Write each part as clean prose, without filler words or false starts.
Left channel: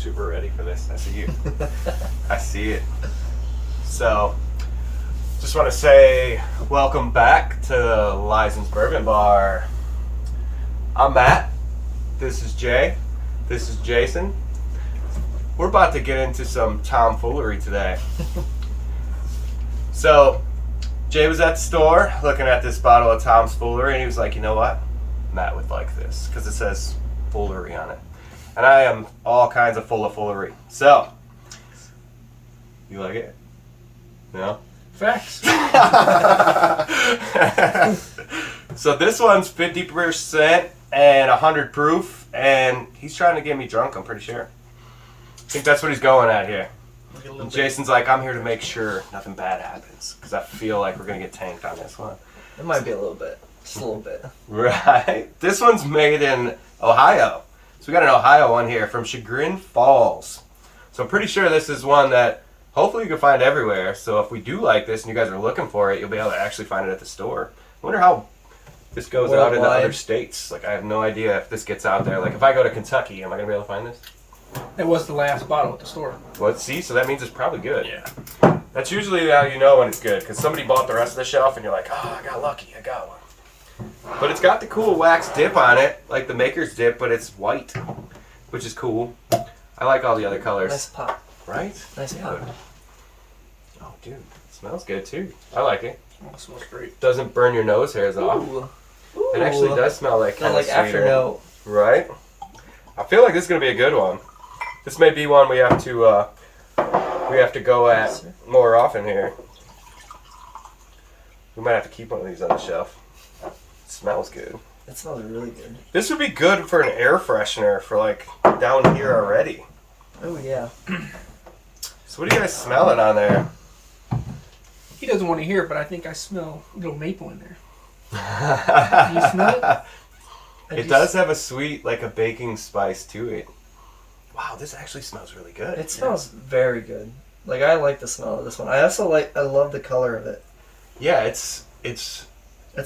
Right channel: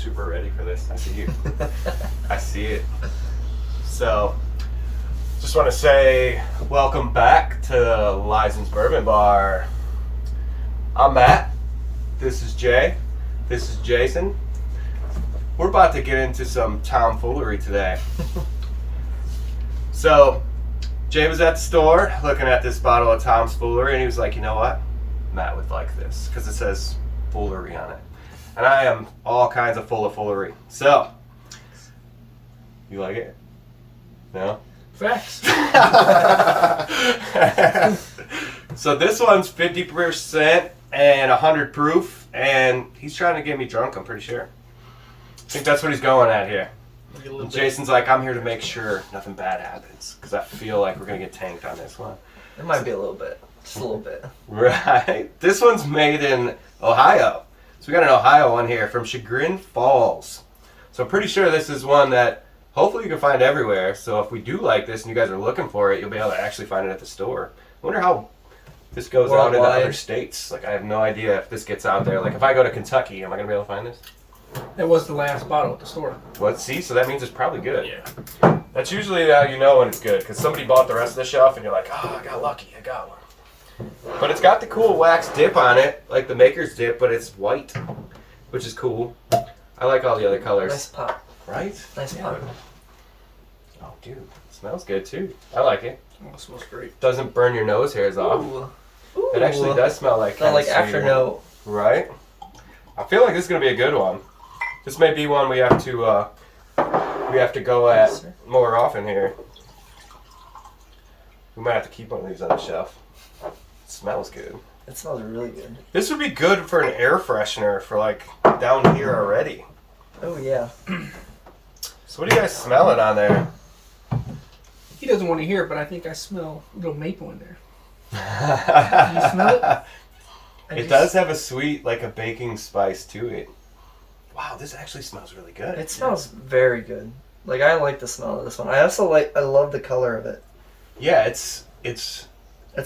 super ready for this. I see you. I see it. So, just want to say welcome back to Lyzen's Bourbon Bar. I'm Matt. This is Jay. This is Jayson. We're about to get into some tomfoolery today. So, Jay was at the store looking at this bottle of Tom's Foolery, and he was like, you know what? Matt would like this because it says Foolery on it. And I am all kinds of full of foolery. So, you like it? No? Facts. So this one's 50% and 100 proof, and he's trying to get me drunk, I'm pretty sure. I think that's what he's going at here. And Jason's like, I'm here to make sure nothing bad happens, because I feel like we're going to get tanked on this one. It might be a little bit. Just a little bit. Right. This one's made in Ohio. So we got an Ohio one here from Chagrin Falls. So I'm pretty sure this is one that hopefully you can find everywhere. So if we do like this and you guys are looking for it, you'll be able to actually find it at the store. I wonder how this goes out in other states. Like, I have no idea if this gets out there. Like, if I go to Kentucky, am I going to be able to find this? It was the last bottle at the store. What? See? So that means it's probably good. Yeah. That's usually how you know when it's good, because somebody bought the rest of the shelf and you're like, oh, I got lucky. I got one. But it's got the cool wax dip on it, like the maker's dip, but it's white, which is cool. I like all the other colors. Nice pop. Right? Nice Yeah. pop. Oh, dude. It smells good, too. I like it. Oh, it smells great. Doesn't burn your nose hairs off. Ooh. It actually does smell like kind Not like of Cider. afternote. Right? I feel like this is going to be a good one. This may be one we have to go at more often here. We might have to keep one of these on the shelf. It smells good. It smells really good. This would be good for an air freshener for like down here already. Oh yeah. So what are you guys smelling on there? He doesn't want to hear it, but I think I smell a little maple in there. You smell it? It does have a sweet, like a baking spice to it. Wow, this actually smells really good. It smells very good. Like, I like the smell of this one. I also I love the color of it. Yeah, it's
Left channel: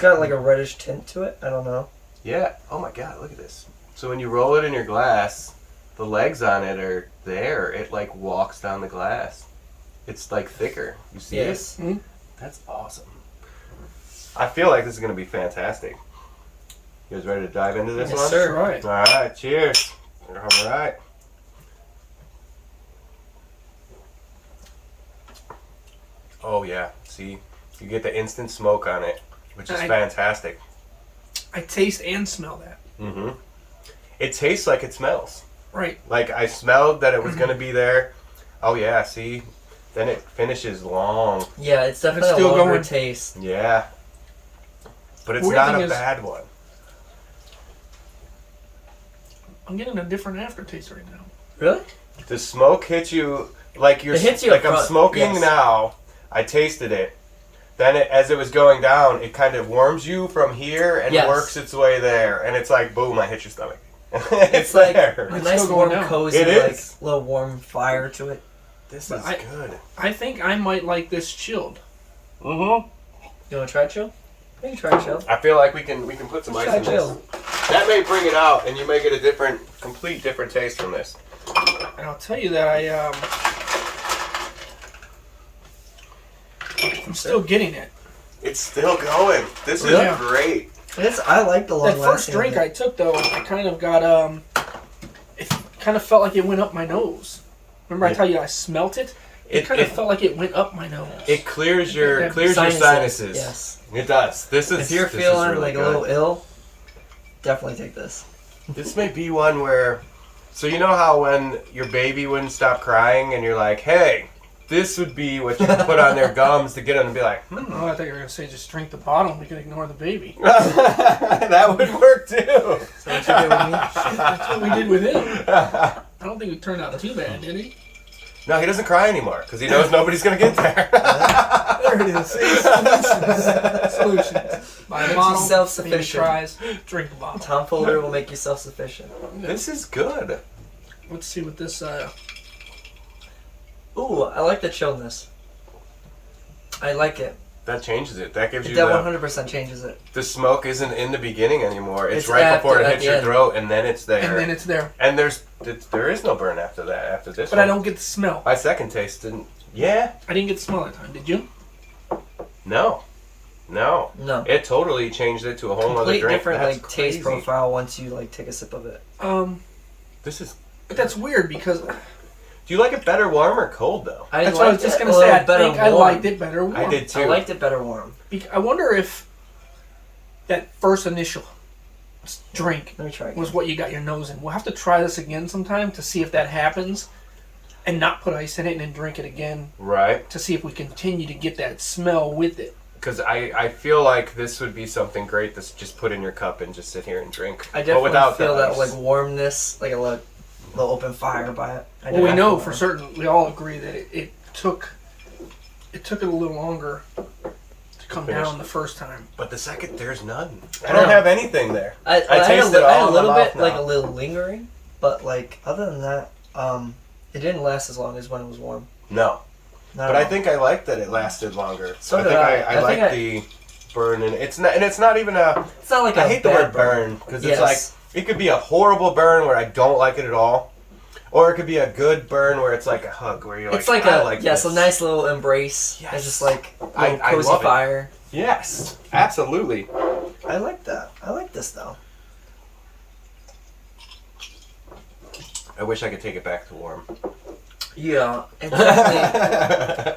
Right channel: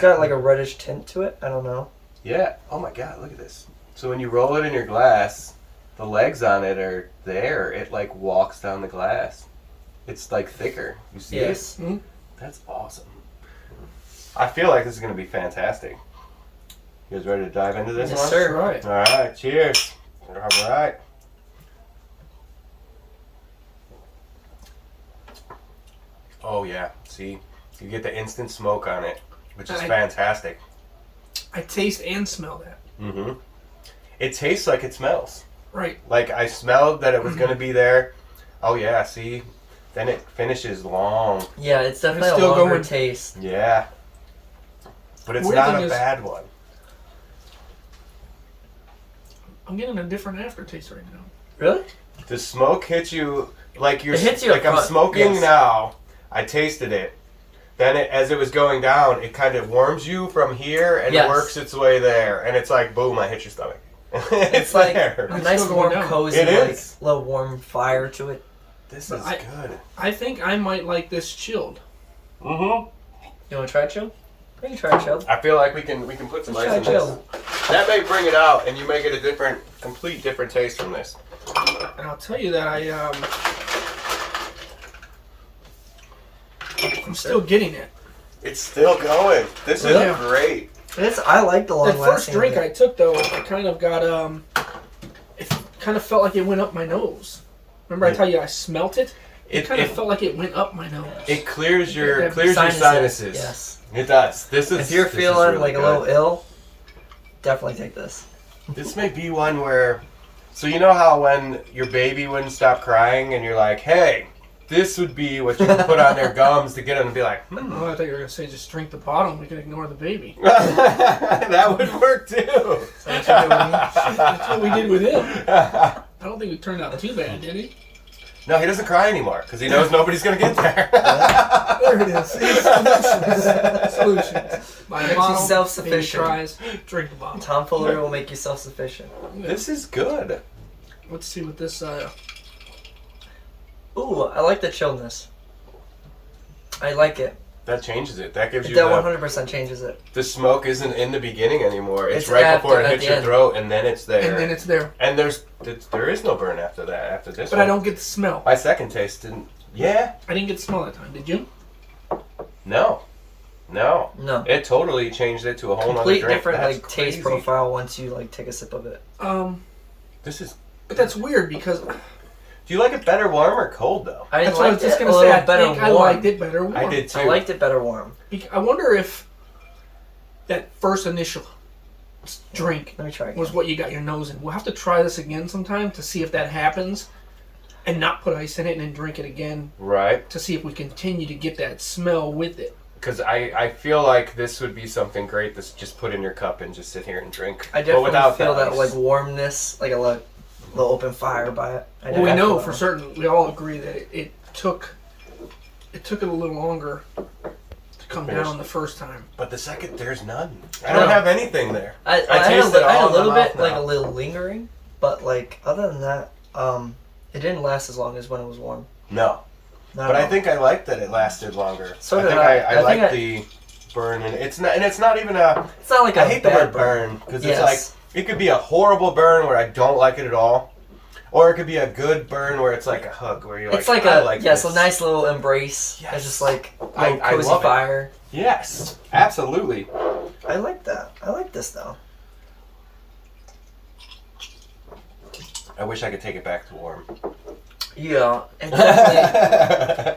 got like a reddish tint to it. I don't know. yeah. Oh my god, look at this. So when you roll it in your glass, the legs on it are there. It like walks down the glass. It's like thicker. You see it? Mm-hmm. That's awesome. I feel like this is going to be fantastic. You guys ready to dive into this Yes, one? sir. Right. All right, cheers. All right. Oh yeah, see, you get the instant smoke on it, which is fantastic. I taste and smell that. Mm-hmm. It tastes like it smells. Right. Like I smelled that it was going to be there. Oh yeah, see, then it finishes long. Yeah, it's definitely It's still a longer going. taste. Yeah, but it's Weird not thing a is- bad one. I'm getting a different aftertaste right now. Really? The smoke hits you like you're It hits you like up I'm front, smoking yes. now. I tasted it. Then as it was going down, it kind of warms you from here and Yes. works its way there, and it's like boom, I hit your stomach. It's like there. a It's nice still going warm, down. cozy, It like is. little warm fire to it. This But is I- good. I think I might like this chilled. Mm-hmm. You want to try it, Chill? We can try it, Chill. I feel like we can put some Let's ice try in Chill. this. That may bring it out, and you may get a complete different taste from this. And I'll tell you that I'm still getting it. It's still going. This Really? is great. I like the long That first lasting drink of it. I took though, I kind of got it kind of felt like it went up my nose. Remember I tell you I smelt it? It kind of felt like it went up my nose. It clears your Sinuses. sinuses. Yes. It does. If you're feeling really like good. a little ill, definitely take this. This may be one where, so you know how when your baby wouldn't stop crying and you're like, hey, this would be what you put on their gums to get them to be like, Oh, I thought you were going to say just drink the bottle and we can ignore the baby. that would work too. So what you do with me? That's what we did with him. I don't think it turned out too bad, did he? No, he doesn't cry anymore because he knows nobody's going to get there. There it is. See, solutions. My model, self-sufficient. baby tries, drink the bottle. Tomfoolery will make you self-sufficient. This is good. Let's see what this... Ooh, I like the chilledness. I like it. That changes it. That gives you That 100% changes it. the smoke isn't in the beginning anymore. It's right after, before it at hits the your end. throat, and then it's there. And then it's there. And there is no burn after that. After this, But one. I don't get the smell. My second taste didn't. Yeah. I didn't get the smell that time. Did you? No. No. It totally changed it to a whole other Complete drink. different That's like crazy. taste profile once you like take a sip of it. This is. But that's weird because Do you like it better warm or cold though? that's what I was just gonna say. I think I liked it better warm. I did too. I liked it better warm. I wonder if that first initial drink Let me try. was what you got your nose in. We'll have to try this again sometime to see if that happens, and not put ice in it and then drink it again Right. to see if we continue to get that smell with it. Because I feel like this would be something great to just put in your cup and just sit here and drink. I but definitely without feel the that ice. like warmness, like a little open fire by it. Well, we know for certain. We all agree that it took it a little longer to come finish. down the first time. But the second, there's none. I I don't know. have anything there. I tasted it I had all a in little my bit, mouth like now. a little lingering, but like other than that, it didn't last as long as when it was warm. No. Not But at I all. think I liked that it lasted longer. So I did think I. I I think like I- the burn, and it's not even a. it's not like I a hate the bad word burn because it's Yes. like it could be a horrible burn where I don't like it at all, or it could be a good burn where it's like a hug where you're It's like, like I a like yes, this. a nice little embrace. Yes. It's just like a I little cozy love it. fire. Yes, absolutely. I like that. I like this though. I wish I could take it back to warm. Yeah, it's definitely.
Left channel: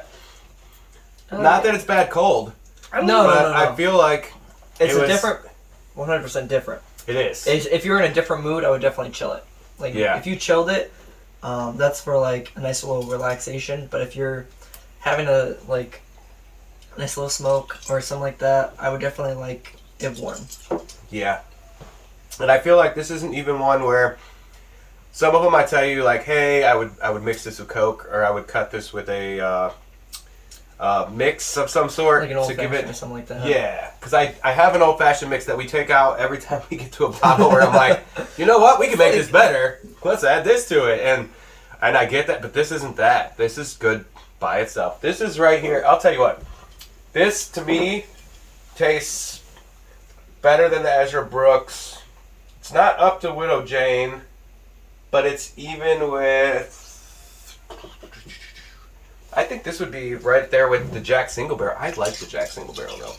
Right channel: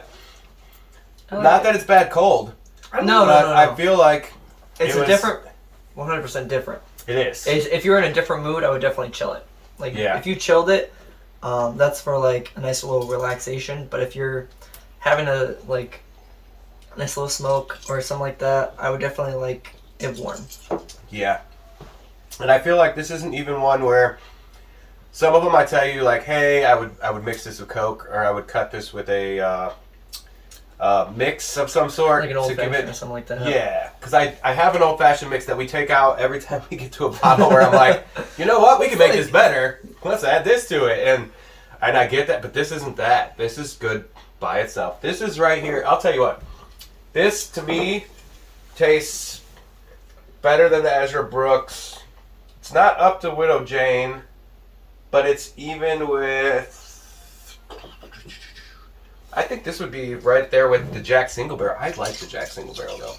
I like Not it. that it's bad cold, No, but no. I feel like It's it a was- different, 100% different. it is. If you're in a different mood, I would definitely chill it. Like Yeah. if you chilled it, that's for like a nice little relaxation. But if you're having a nice little smoke or something like that, I would definitely like it warm. Yeah. And I feel like this isn't even one where some of them I tell you like, hey, I would mix this with Coke, or I would cut this with a mix of some sort Like an to old give fashioned it. or something like that. Yeah, because I have an old fashioned mix that we take out every time we get to a bottle where I'm like, you know what, we can make this better. Let's add this to it, and I get that, but this isn't that. This is good by itself. This is right here. I'll tell you what. This to me tastes better than the Ezra Brooks. It's not up to Widow Jane, but it's even with. I think this would be right there with the Jack Single Barrel. I like the Jack Single Barrel though.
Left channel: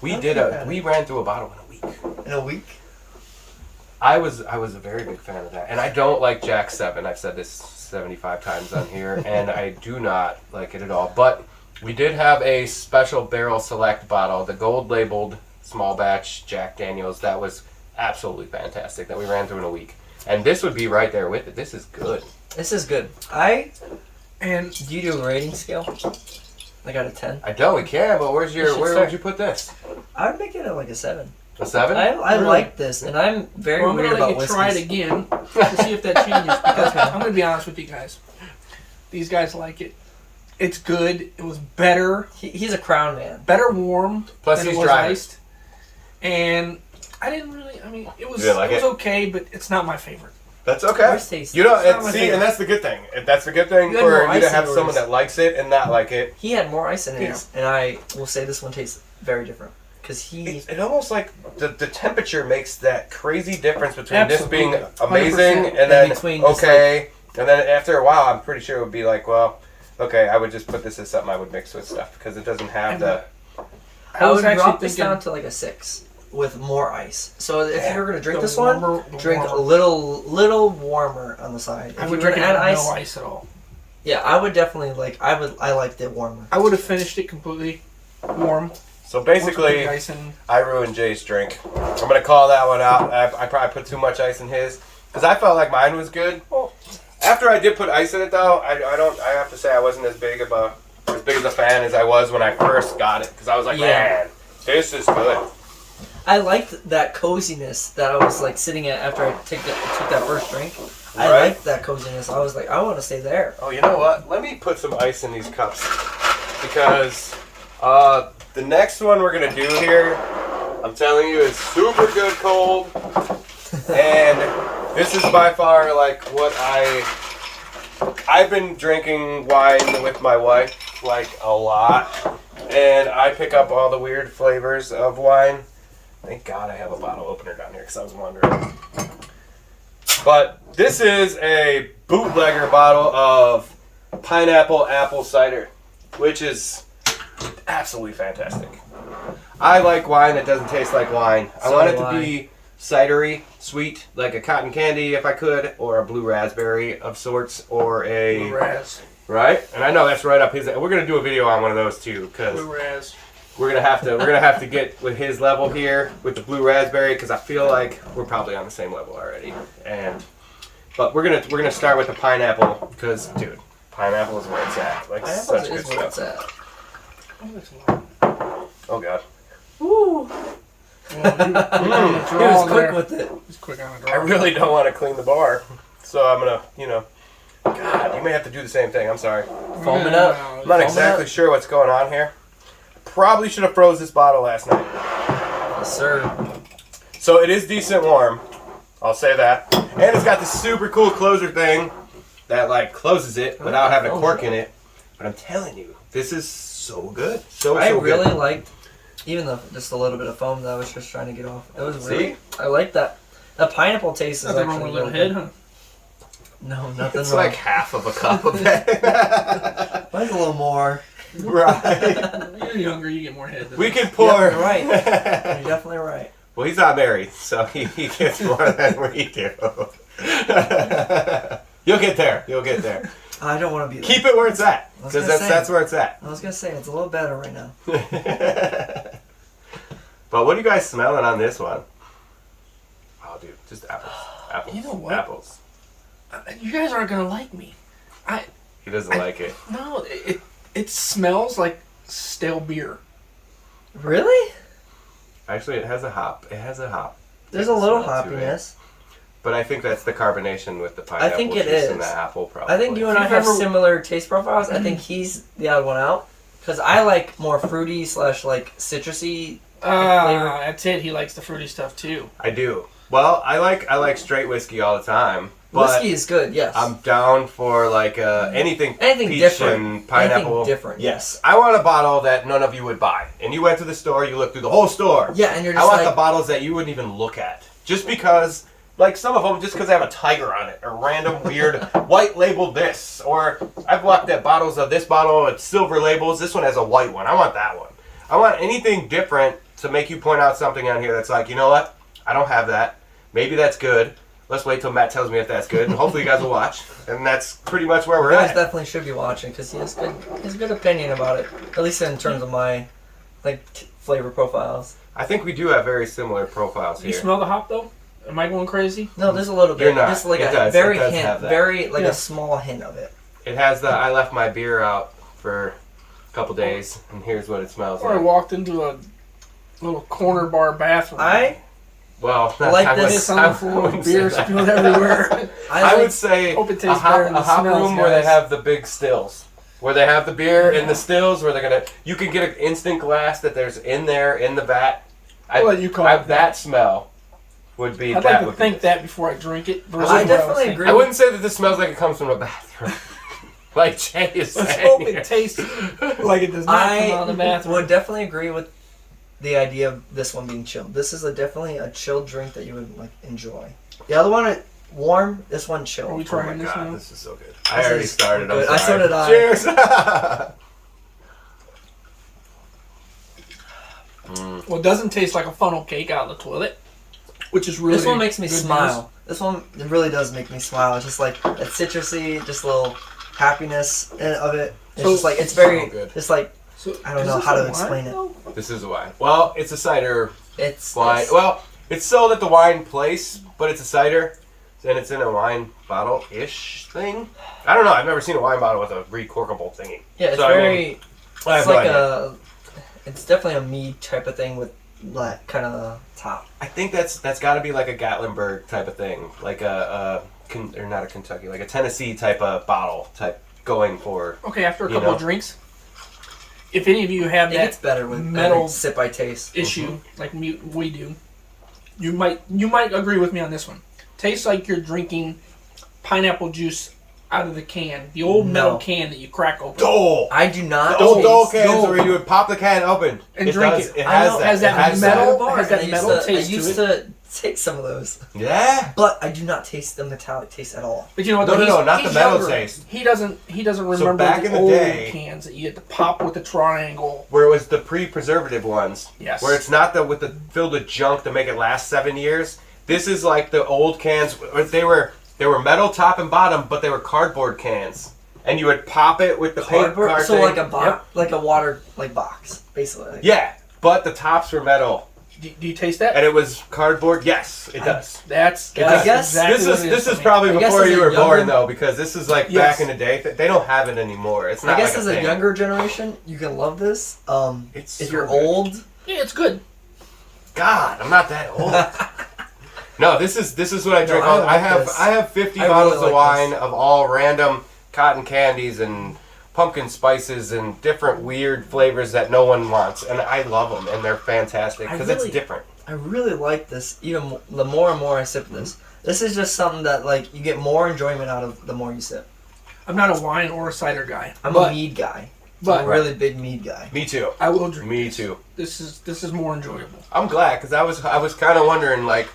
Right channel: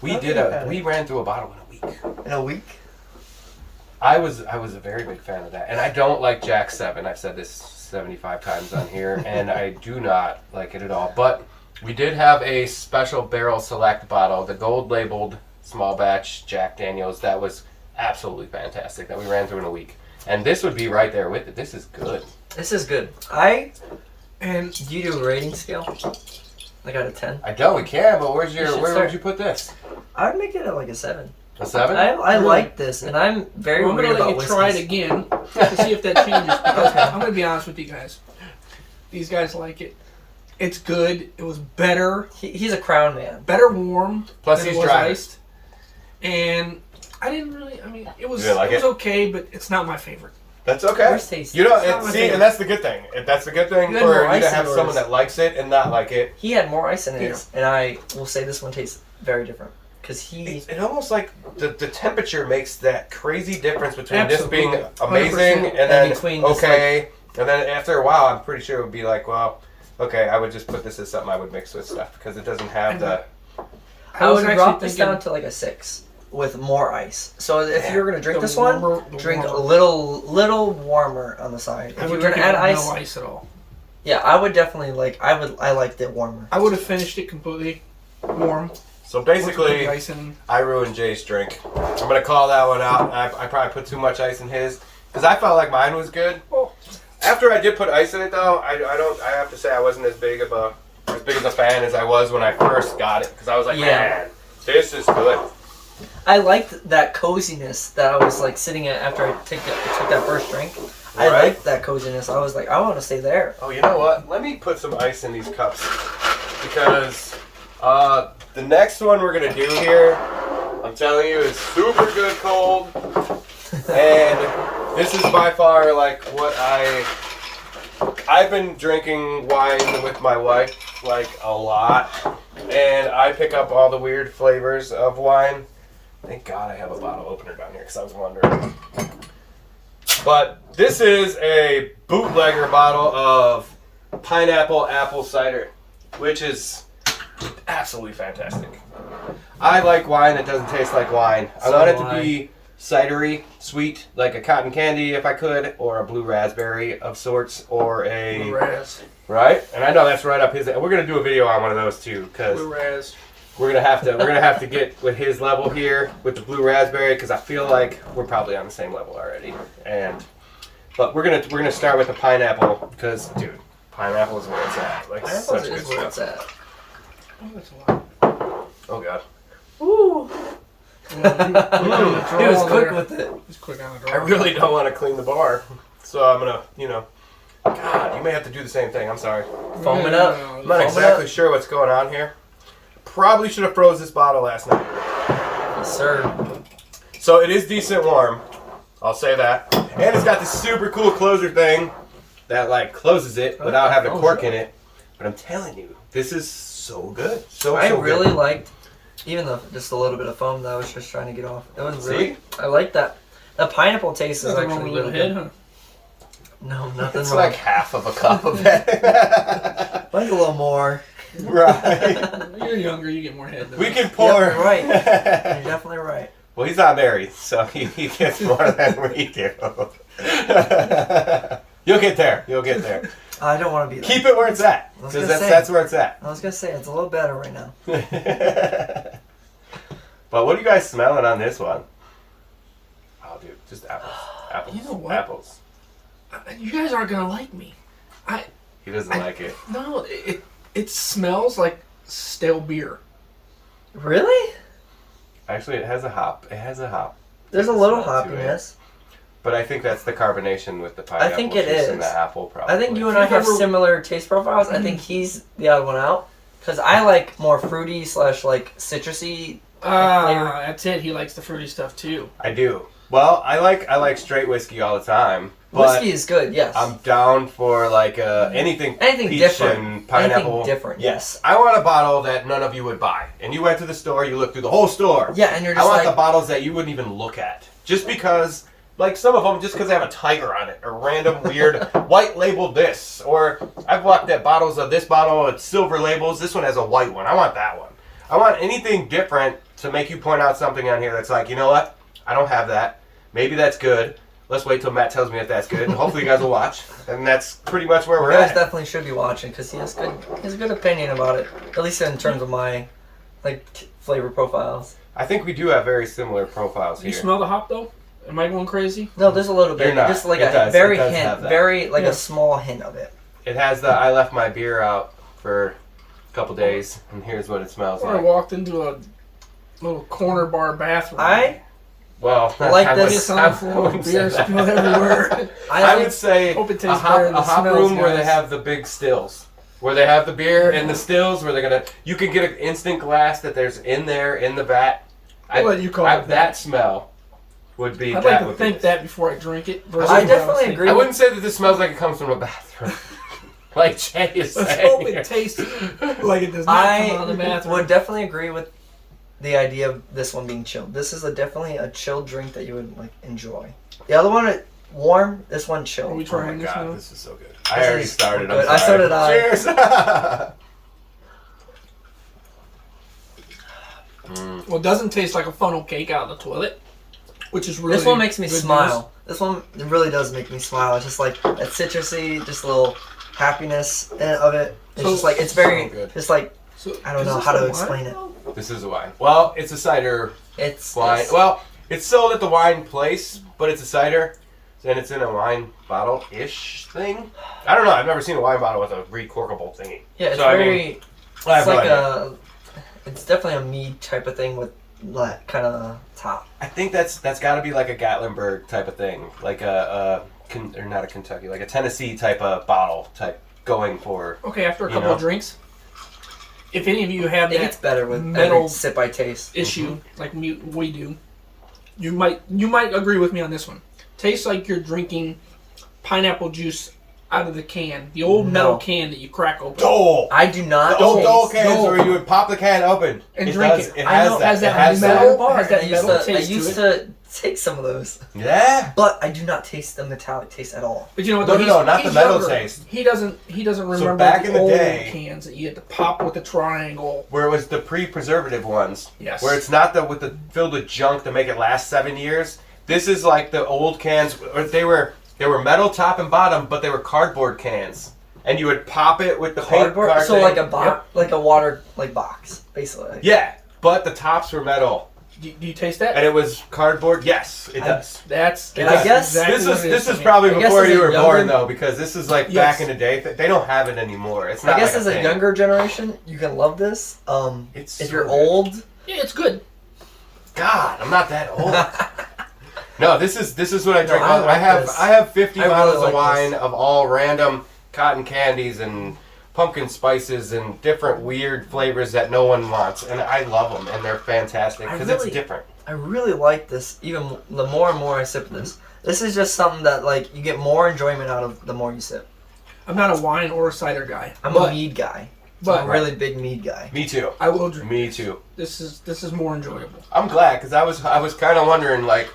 We ran through a bottle in a week. In a week. I was a very big fan of that, and I don't like Jack 7. I've said this 75 times on here, and I do not like it at all. But we did have a special barrel select bottle, the gold labeled small batch Jack Daniels. That was absolutely fantastic. That we ran through in a week, and this would be right there with it. This is good. This is good. And Do you do a rating scale? Like out of 10? I don't. We can, but where should would start. you put this? I would make it at like a 7. A 7? I Really? like this, and I'm very well, I'm weird gonna let about you try it whiskeys. again to see if that changes. Because I'm gonna be honest with you guys. These guys like it. It's good. It was better He's a crown man. warm Plus than he's it was driving. iced. And I didn't really. I mean, it was You didn't like it was it? okay, but it's not my favorite. That's okay. Yours tastes- You know, It's not my see, favorite. and that's the good thing. That's the good thing You had for more you ice to in have yours. someone that likes it and not like it. He had more ice in his, and I will say this one tastes very different. Because It almost like the temperature makes that crazy difference between Absolutely. this being amazing 100%. and then between just, okay, and then after a while, I'm pretty sure it would be like, well, okay, I would just put this as something I would mix with stuff because it doesn't have the. I was would actually drop this thinking down to like a 6 with more ice. So if Yeah. you're gonna drink The this warmer- one, the drink warmer. a little warmer on the side. I If would you're drink it gonna with add ice, no ice at all. yeah, I would definitely I liked it warmer. I would have finished it completely warm. So Put the basically, ice in. I ruined Jay's drink. I'm gonna call that one out. I probably put too much ice in his because I felt like mine was good. Well, After I did put ice in it, though, I have to say I wasn't as big of a fan as I was when I first got it because I was like, Yeah. man, this is good. I liked that coziness that I was like sitting at after I took that first drink. I Right. liked that coziness. I was like, I want to stay there. Oh, you know what? Let me put some ice in these cups because the next one we're gonna do here, I'm telling you, is super good cold, and this is by far like what I've been drinking wine with my wife like a lot, and I pick up all the weird flavors of wine. Thank God I have a bottle opener down here because I was wondering. But this is a bootlegger bottle of pineapple apple cider, which is absolutely fantastic. I like wine that doesn't taste like wine. I want it to be cidery, sweet, like a cotton candy if I could, or a blue raspberry of sorts, or a... Blue raz. Right? And I know that's right up his... We're going to do a video on one of those too, because... Blue raz. We're gonna have to get with his level here with the blue raspberry because I feel like we're probably on the same level already. But we're gonna start with the pineapple because, dude, pineapple is where it's at. Like such good stuff. Oh, that's a lot. Oh god. Woo. Well, he was quick with it. He's quick on the draw. I really don't want to clean the bar, so I'm gonna, God, you may have to do the same thing. I'm sorry. Foam it up. I'm not exactly sure what's going on here. Probably should have froze this bottle last night. Yes, sir. So it is decent warm. I'll say that. And it's got this super cool closure thing that like closes it without having a cork in it. But I'm telling you, this is so good. I really liked, even though just a little bit of foam that I was just trying to get off. It was really. I like that. The pineapple taste is nothing actually wrong with a really little good. head, No, nothing It's wrong. like half of a cup of it. Like a little more. Right. huh? You're younger, you get more head than We us. can pour. Yep, you're right. You're definitely right. Well, he's not married, so he gets more than we do. You'll get there. You'll get there. I don't want to be there. Keep it where it's at, I was because gonna say. that's where it's at. I was going to say, it's a little better right now. But what are you guys smelling on this one? Oh, dude, just apples. Apples. You know what? Apples. You guys aren't gonna like me. He doesn't like it. No, it smells like stale beer. Really? Actually, it has a hop. It has a hop. There's a little smell to it. hoppiness. But I think that's the carbonation with the pineapple think it juice and is. the apple, probably. I think you and I have similar taste profiles. I think he's the odd one out. Because I like more fruity / like citrusy. That's it. He likes the fruity stuff too. I do. Well, I like straight whiskey all the time. But Whiskey is good, yes. I'm down for like anything peach different. and pineapple. Anything different, Yes. I want a bottle that none of you would buy. And you went to the store, you looked through the whole store. Yeah, and you're just I want like... the bottles that you wouldn't even look at. Just because, like some of them, just because they have a tiger on it. Or random weird white labeled this. Or I've looked at bottles of this bottle with silver labels. This one has a white one. I want that one. I want anything different to make you point out something on here that's like, you know what? I don't have that. Maybe that's good. Let's wait till Matt tells me if that's good, and hopefully you guys will watch. And that's pretty much where we're You guys at. definitely should be watching because he has good opinion about it. At least in terms of my flavor profiles. I think we do have very similar profiles You here. smell the hop though? Am I going crazy? No, there's a little bit. You're not. Just like It a does. very It does hint, have that. very like Yeah. a small hint of it. It has the I left my beer out for a couple days, and here's what it smells Or I like. walked into a little corner bar bathroom. Well, like I this on the floor, wouldn't say beer that. spewing everywhere. I would say Hope it a tastes better than the hop smells, room where they guys. have the big stills. Where they have the beer in the stills, where they're gonna, you can get an instant glass that there's in there in the vat. I'll let you call it that smell would be. I'd like to think that before I drink it. versus I what definitely was thinking. agree. I wouldn't say that this smells like it comes from a bathroom. Like Jay is Let's saying. hope it tastes like it does not come out of the I bathroom. would definitely agree with the idea of this one being chilled. This is definitely a chilled drink that you would enjoy. The other one warm. This one chilled. Are we Oh trying my this god, now? this is so good. I already started. I'm good. sorry. So did I. Cheers. Well, it doesn't taste like a funnel cake out of the toilet, which is really This one makes me good smile. This one it really does make me smile. It's just like that citrusy, just a little happiness of it. It's So- just like it's very, so good. just like So, I don't is know this how a to wine, explain it. though? This is a wine. Well, it's a cider it's wine. yes. Well, it's sold at the wine place, but it's a cider, and it's in a wine bottle-ish thing. I don't know. I've never seen a wine bottle with a recorkable thingy. Yeah, it's So, I mean, very. I have It's no like idea. it's definitely a mead type of thing with like kind of the top. I think that's got to be like a Gatlinburg type of thing, like or not a Kentucky, like a Tennessee type of bottle type going for. Okay, after a You couple know. of drinks, if any of you have It gets that better with metal every sip I taste. issue like we do, you might agree with me on this one. Tastes like you're drinking pineapple juice out of the can. The old metal No. can that you crack open. Dole. I do not. The old taste- Dole cans Dole. where you would pop the can open And drink it. It I has know, that. has that it has metal- that. has that I used metal to, taste I used to to take some of those, Yeah. but I do not taste the metallic taste at all. But you know what? No, though? no, not the He's metal younger. taste. He doesn't remember back the in the old day- cans that you had to pop with the triangle. Where it was the pre-preservative ones. Yes. Where it's not the with the filled with junk to make it last 7 years. This is like the old cans. Or they were metal top and bottom, but they were cardboard cans. And you would pop it with the paper Cardboard, card so thing. like a box, Yep. like a water box, basically. Yeah, but the tops were metal, Do you taste that? and it was cardboard. Yes, it does. That's I guess exactly This what is it this for is me. probably I guess before as you a were born younger- though, because this is like Yes. back in the day. They don't have it anymore. It's not I guess like as a a thing. younger generation, you can love this. It's If so you're good. old, Yeah, it's good. God, I'm not that old. No, this is what I drink. I all, like I have this. I have 50 I bottles really of like wine this. of all random cotton candies and pumpkin spices and different weird flavors that no one wants, and I love them, and they're fantastic because really- it's different. I really like this. Even the more and more I sip this, this is just something that like you get more enjoyment out of the more you sip. I'm not a wine or a cider guy, I'm but a mead guy. but I'm a really big mead guy. Me too. I will drink. Me too. This is more enjoyable. I'm glad because I was kind of wondering, like,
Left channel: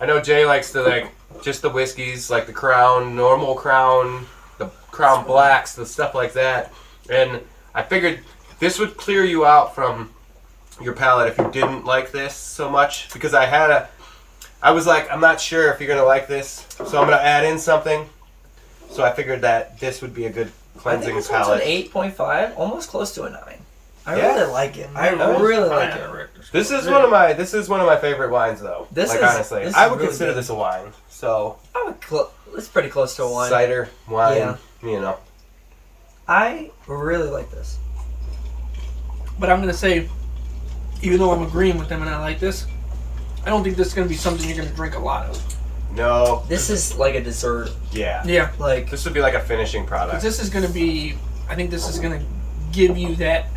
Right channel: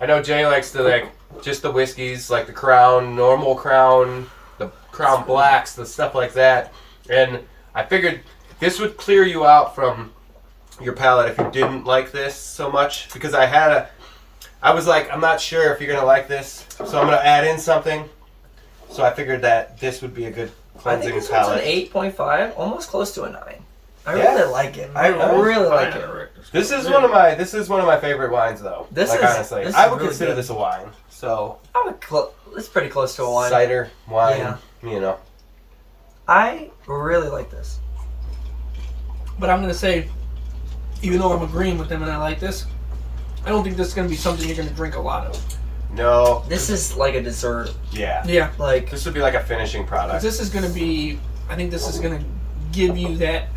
I know Jay likes to like just the whiskeys, like the Crown, normal Crown, the Crown Blacks, the stuff like that, and I figured this would clear you out from your palate if you didn't like this so much, because I was like, I'm not sure if you're gonna like this, so I'm gonna add in something. So I figured that this would be a good I cleansing think this one's palate. an 8.5, almost close to a 9. I Yeah. really like it. I Nice. really like it. This is one of my favorite wines, though. This like is- honestly, this I is would really consider good. this a wine. So I would it's pretty close to a wine. cider, wine, Yeah. you know. I really like this. But I'm gonna say, even though I'm agreeing with them and I like this, I don't think this is gonna be something you're gonna drink a lot of. No, This is like a dessert. yeah. Yeah, Like This would be like a finishing 'cause product. this is gonna be. I think this is gonna give you that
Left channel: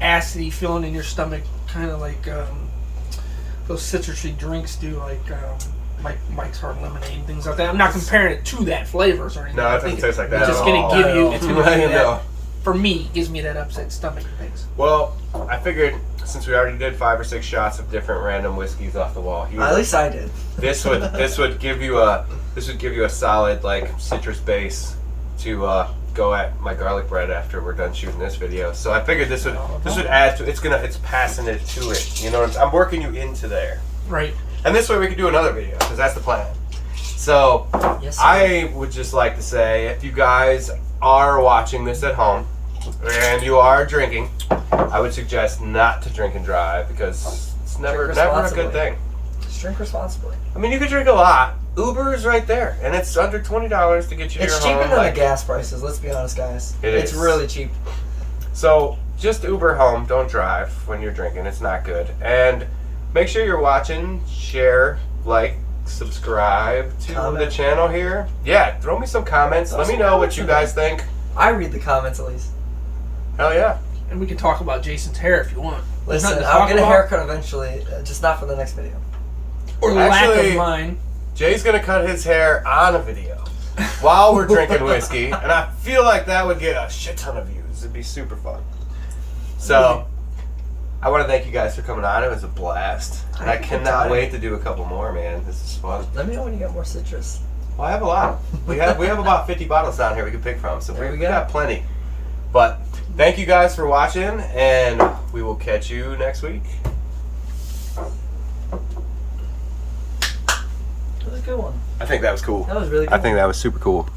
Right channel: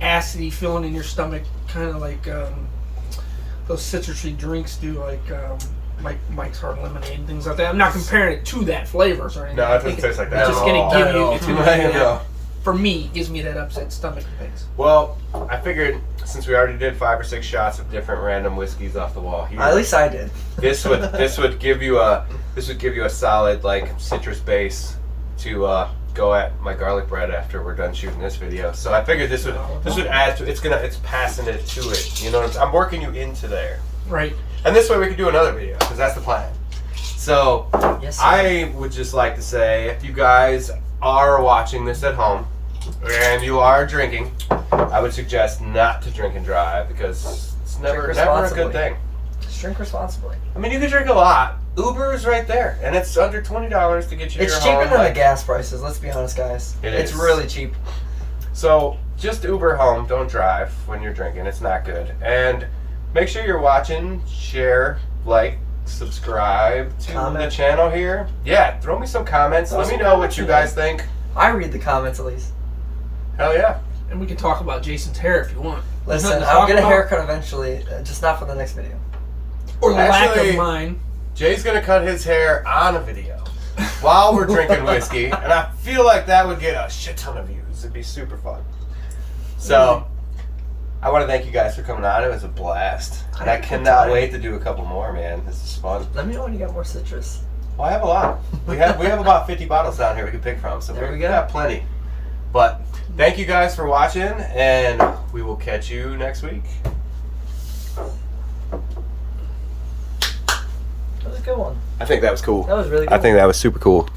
acidity feeling in your stomach, kind of like those citrusy drinks do, like Mike's Hard Lemonade and things like that. I'm not comparing it to that flavors or anything. No, it I doesn't think taste like that It's just at gonna all. give Not you. at It's all. gonna give you I know. that. For me, it gives me that upset stomach things. Well, I figured since we already did 5 or 6 shots of different random whiskeys off the wall here, at least I did. this would give you a solid like citrus base to go at my garlic bread after we're done shooting this video. So I figured this would add to it's passing it to it. You know what I'm working you into there. Right. And this way we could do another video because that's the plan. So Yes. Sir. I would just like to say, if you guys are watching this at home and you are drinking, I would suggest not to drink and drive because it's never a responsibly. good thing. Just drink responsibly. I mean, you could drink a lot. Uber's right there, and it's under $20 to get you to It's your cheaper home. than like- the gas prices. Let's be honest, guys. It's It's really cheap. So just Uber home. Don't drive when you're drinking. It's not good. And make sure you're watching, share, like, subscribe to the Comment. channel here. Yeah, throw me some comments. Throw Let me some know what comments you in guys think. I read the comments at least. Hell yeah. And we can talk about Jason's hair if you want. There's Listen, nothing to I'll talk get a about. haircut eventually, just not for the next video. Or the lack Actually- of mine. Jay's gonna cut his hair on a video while we're drinking whiskey, and I feel like that would get a shit ton of views. It'd be super fun. So, I want to thank you guys for coming on. It was a blast, and I Good cannot time. wait to do a couple more, man. This is fun. Let me know when you got more citrus. Well, I have a lot. We have about 50 bottles down here we can pick from, so There we we go. got plenty. But thank you guys for watching, and we will catch you next week. That was a good one. I think that was cool. That was really good. that was super cool.